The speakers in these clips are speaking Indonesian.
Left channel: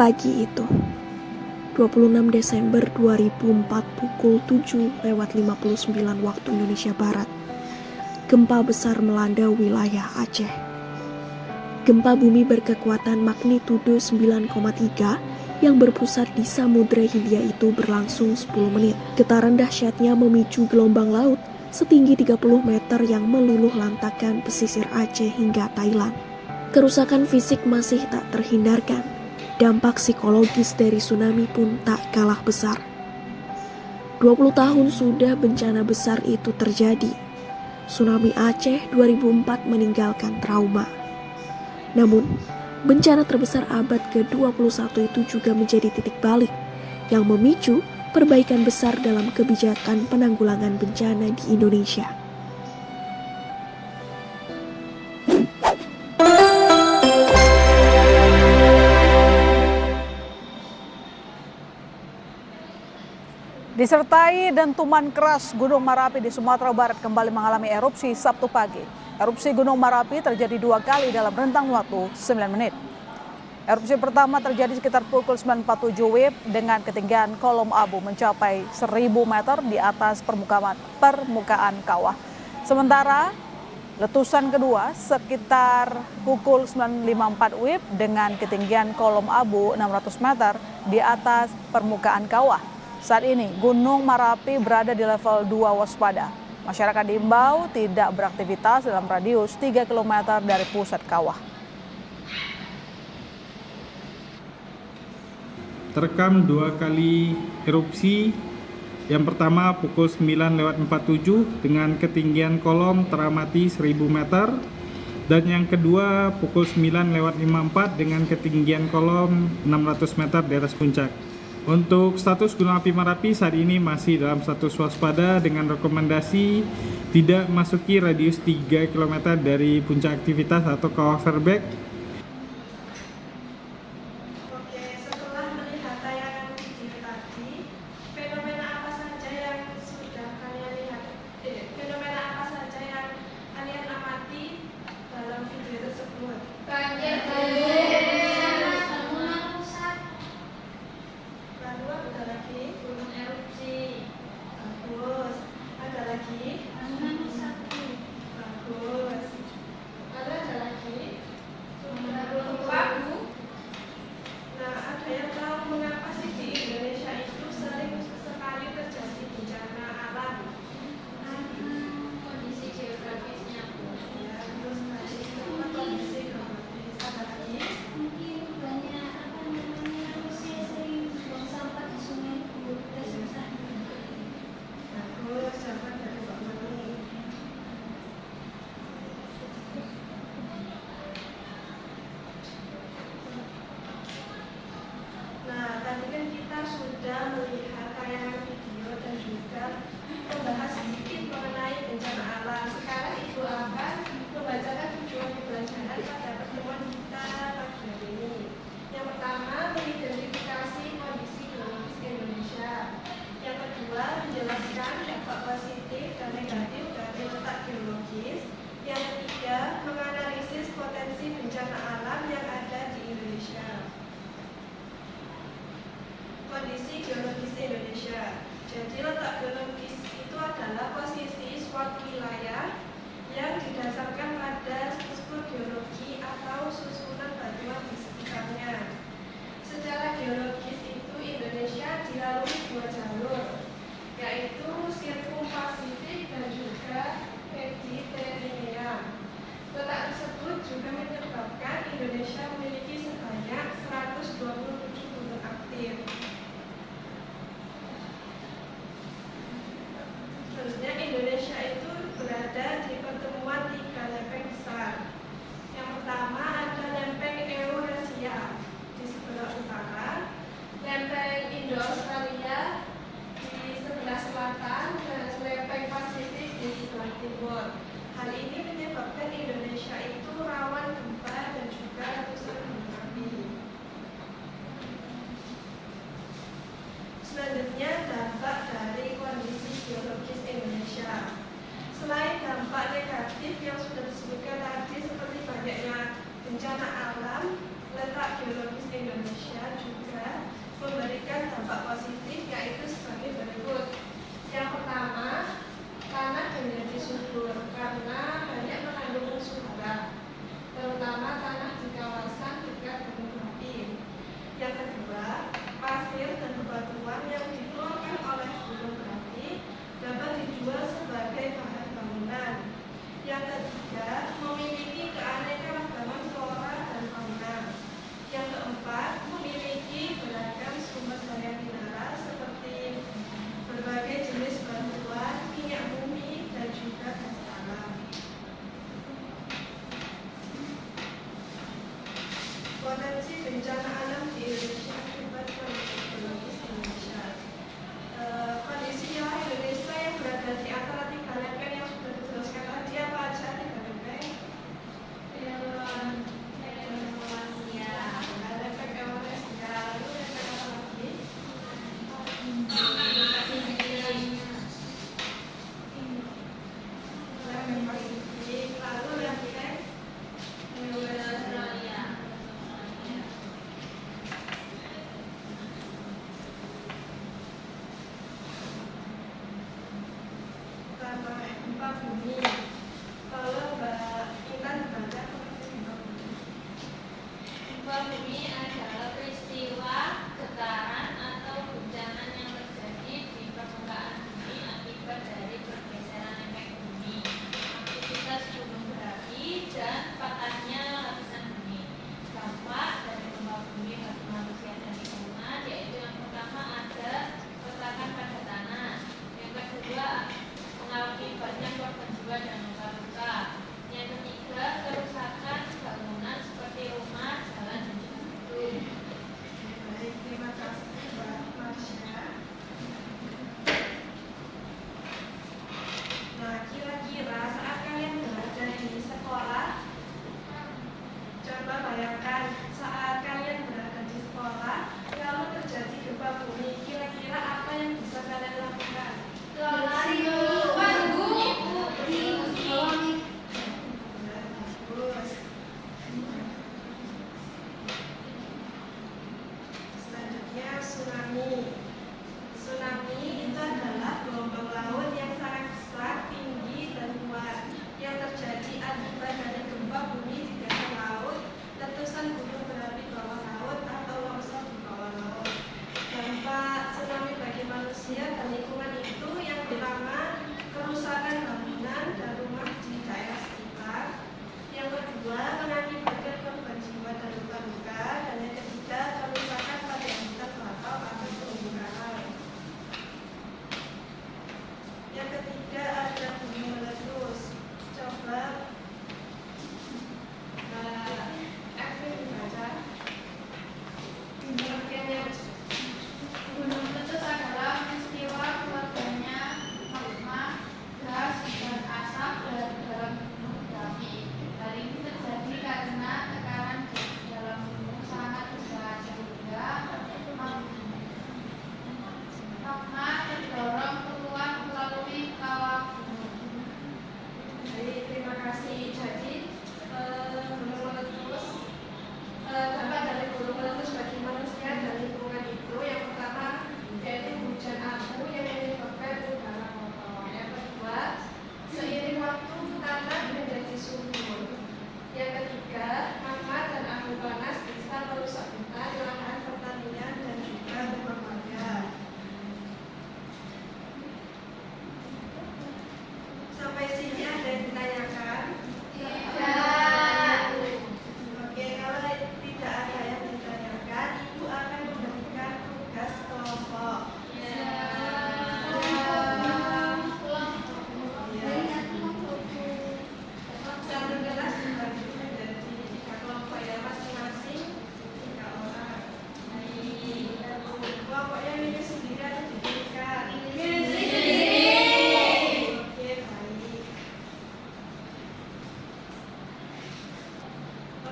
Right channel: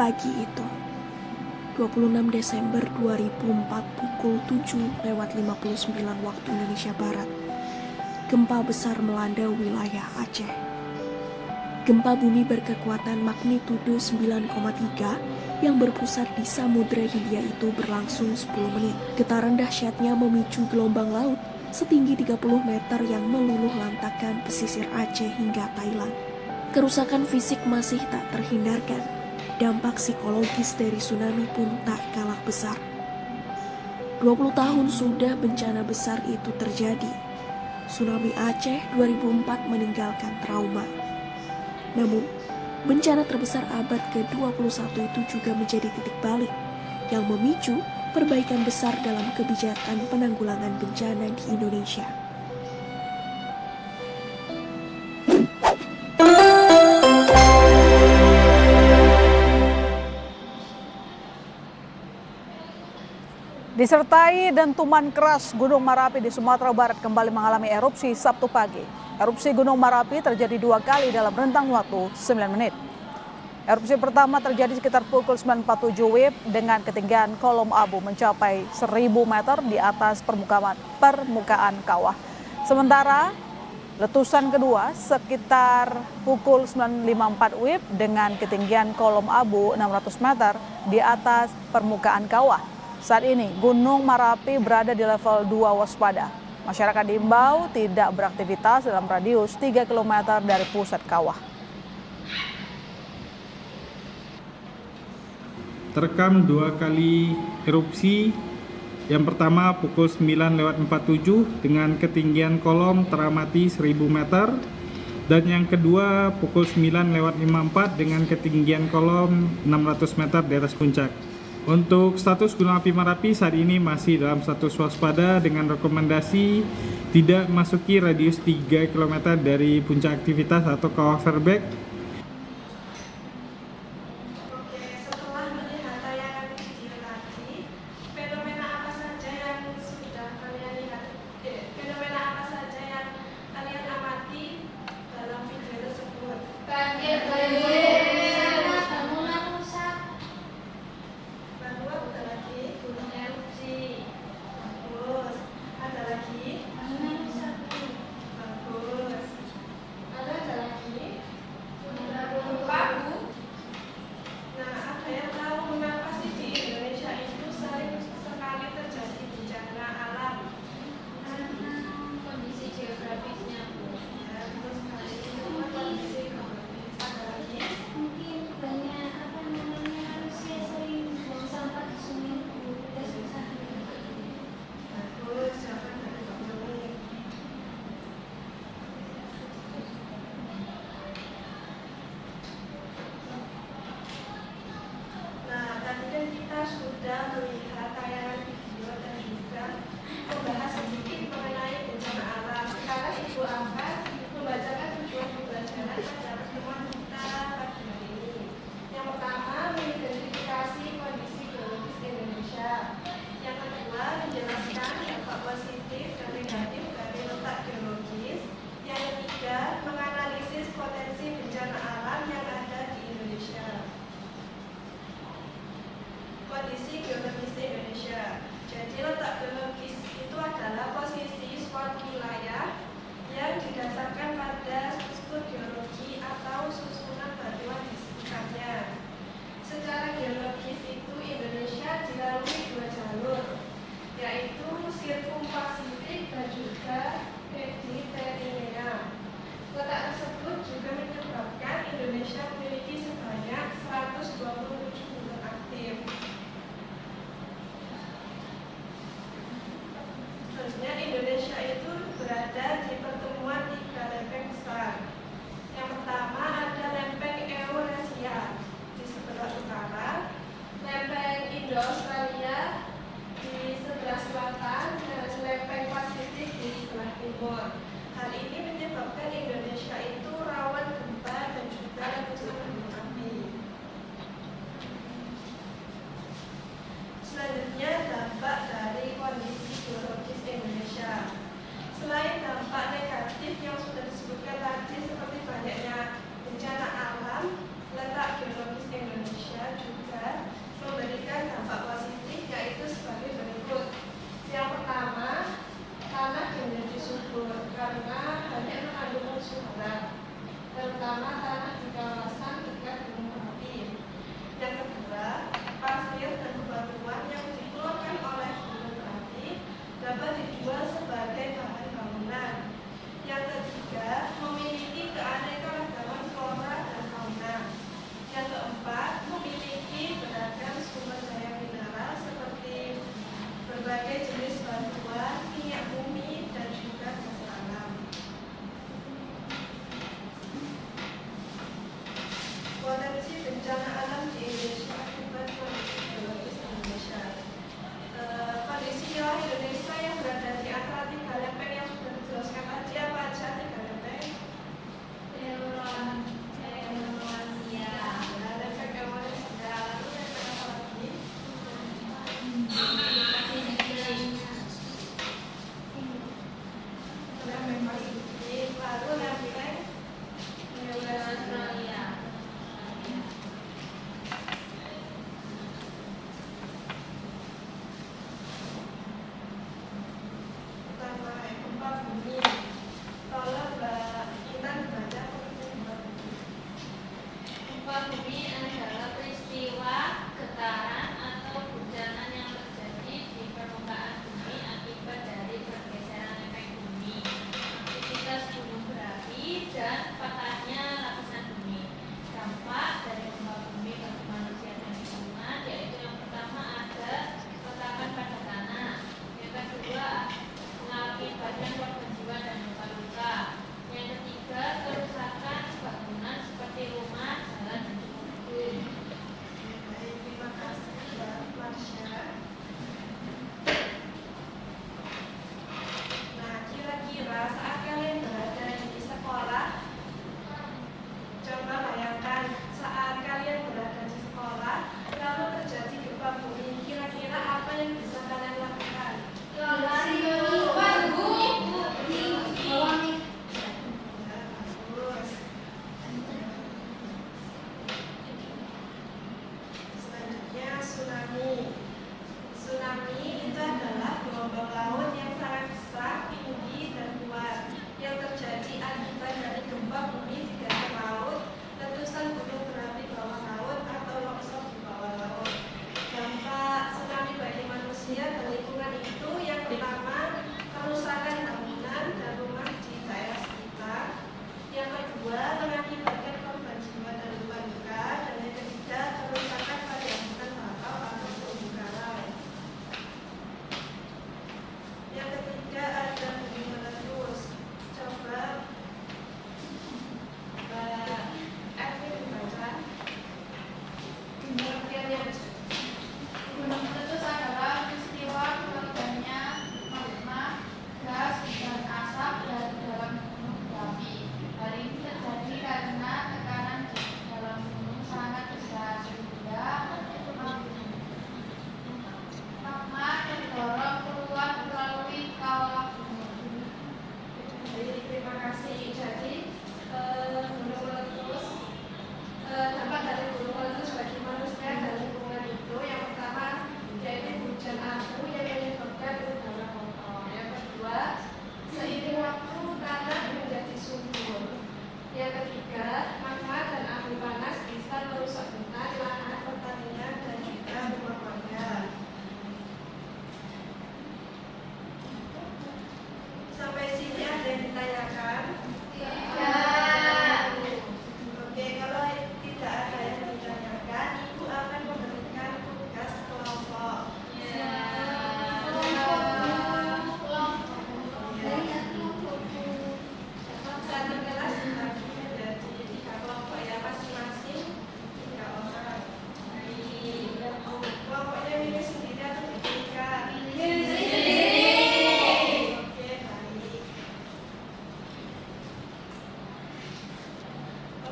Pagi itu, 26 Desember 2004 pukul 7:59 waktu Indonesia Barat, gempa besar melanda wilayah Aceh. Gempa bumi berkekuatan magnitudo 9,3 yang berpusat di Samudra Hindia itu berlangsung 10 menit. Getaran dahsyatnya memicu gelombang laut setinggi 30 meter yang meluluh lantakkan pesisir Aceh hingga Thailand. Kerusakan fisik masih tak terhindarkan. Dampak psikologis dari tsunami pun tak kalah besar. 20 tahun sudah bencana besar itu terjadi. Tsunami Aceh 2004 meninggalkan trauma. Namun, bencana terbesar abad ke-21 itu juga menjadi titik balik yang memicu perbaikan besar dalam kebijakan penanggulangan bencana di Indonesia. Disertai dentuman keras, Gunung Merapi di Sumatera Barat kembali mengalami erupsi Sabtu pagi. Erupsi Gunung Merapi terjadi 2 kali dalam rentang waktu 9 menit. Erupsi pertama terjadi sekitar pukul 9.47 WIB dengan ketinggian kolom abu mencapai 1000 meter di atas permukaan kawah. Sementara letusan kedua sekitar pukul 9.54 WIB dengan ketinggian kolom abu 600 meter di atas permukaan kawah. Saat ini Gunung Merapi berada di level 2 waspada. Masyarakat diimbau tidak beraktivitas dalam radius 3 km dari pusat kawah. Terekam 2 kali erupsi. Yang pertama pukul 9:47 dengan ketinggian kolom teramati 1000 meter. Dan yang kedua pukul 9:54 dengan ketinggian kolom 600 meter di atas puncak. Untuk status Gunung Api Merapi saat ini masih dalam status waspada dengan rekomendasi tidak masuki radius 3 km dari puncak aktivitas atau kawah Fairbank. Oke, setelah melihat tayangan video tadi, fenomena apa saja yang sudah kalian lihat? Fenomena apa saja yang kalian amati dalam video tersebut? Banjir. Lalu ada lagi gunung erupsi. Bagus. Ada lagi? Bagus. Lalu ada lagi? Pagu. Nah, ada yang tahu mengapa sih di Indonesia itu sering sekali terjadi bencana alam? Kondisi geografisnya, Ya, betul sekali. Itu kondisi geografis. Ada lagi? mungkin banyak manusia sering buang sampah di sungai kita susah. Bagus, jawaban dari Pak Mani. Nah, tadi kan kita sudah melihat tayangan video dan juga membahas sedikit mengenai bencana alam. Sekarang Ibu akan membacakan tujuan pembelajaran pada pertemuan kita pagi hari ini. Yang pertama, mengidentifikasi kondisi geologis Indonesia. Yang kedua, menjelaskan dampak positif dan negatif dari letak geologis. Yang ketiga, menganalisis potensi bencana alam yang ada di Indonesia. Kondisi geologis Indonesia. Jadi letak geologis itu adalah posisi suatu wilayah yang didasarkan pada struktur geologi atau susunan batuan di sekitarnya. Secara geologis itu Indonesia dilalui 2 jalur, yaitu sirkumpasifik dan juga Mediterania. Letak tersebut juga menyebabkan Indonesia memiliki sebanyak 127 gunung aktif. Selanjutnya Indonesia itu berada di pertemuan 3 lempeng besar. Yang pertama ada lempeng Eurasia di sebelah utara, lempeng Indo-Australia di sebelah selatan, dan lempeng Pasifik di sebelah timur. Hal ini menyebabkan Indonesia itu rawan gempa dan juga letusan gunung api. Selanjutnya dampak dari kondisi geologis Indonesia. Selain dampak negatif yang sudah disebutkan tadi seperti banyaknya bencana alam, letak geologis Indonesia juga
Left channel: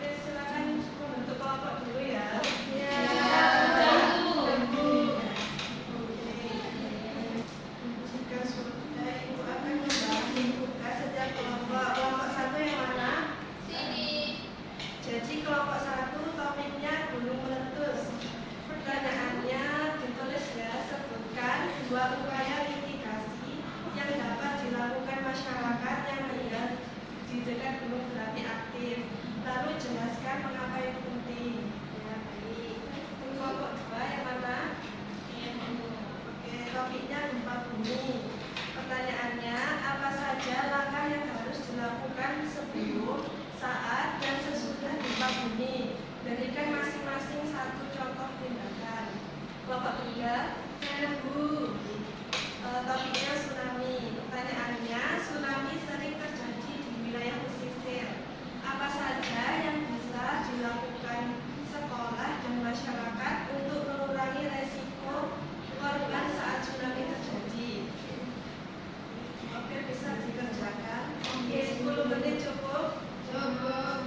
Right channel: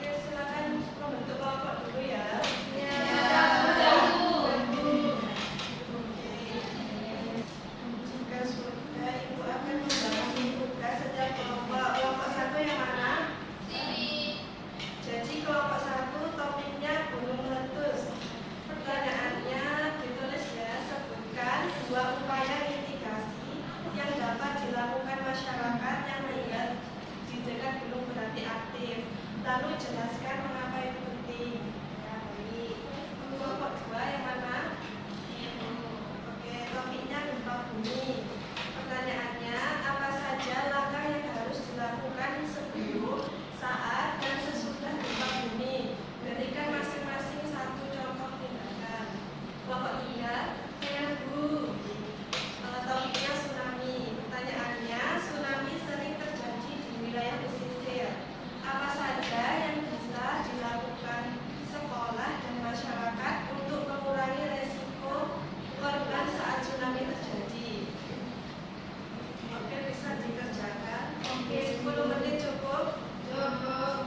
Oke, silakan membentuk kelompok dulu ya. Jika sudah, Ibu akan membagi tugas setiap kelompok. Kelompok satu yang mana? Jadi kelompok satu topiknya gunung meletus. Pertanyaannya ditulis ya, sebutkan 2 upaya mitigasi yang dapat dilakukan masyarakat yang tinggal di dekat gunung berapi aktif. Lalu jelaskan mengapa itu penting. Ya, baik. Kelompok 2 yang mana? Oke, topiknya gempa bumi. Pertanyaannya, apa saja langkah yang harus dilakukan sebelum, saat, dan sesudah gempa bumi? Berikan masing-masing 1 contoh tindakan. Kelompok 3, Bu. Topiknya tsunami. Pertanyaannya, tsunami sering terjadi di wilayah pesisir. Apa saja yang bisa dilakukan sekolah dan masyarakat untuk mengurangi resiko korban saat tsunami terjadi? Oke, bisa dikerjakan. Oke, 10 menit cukup? Cukup.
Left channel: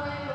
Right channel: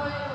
Saya.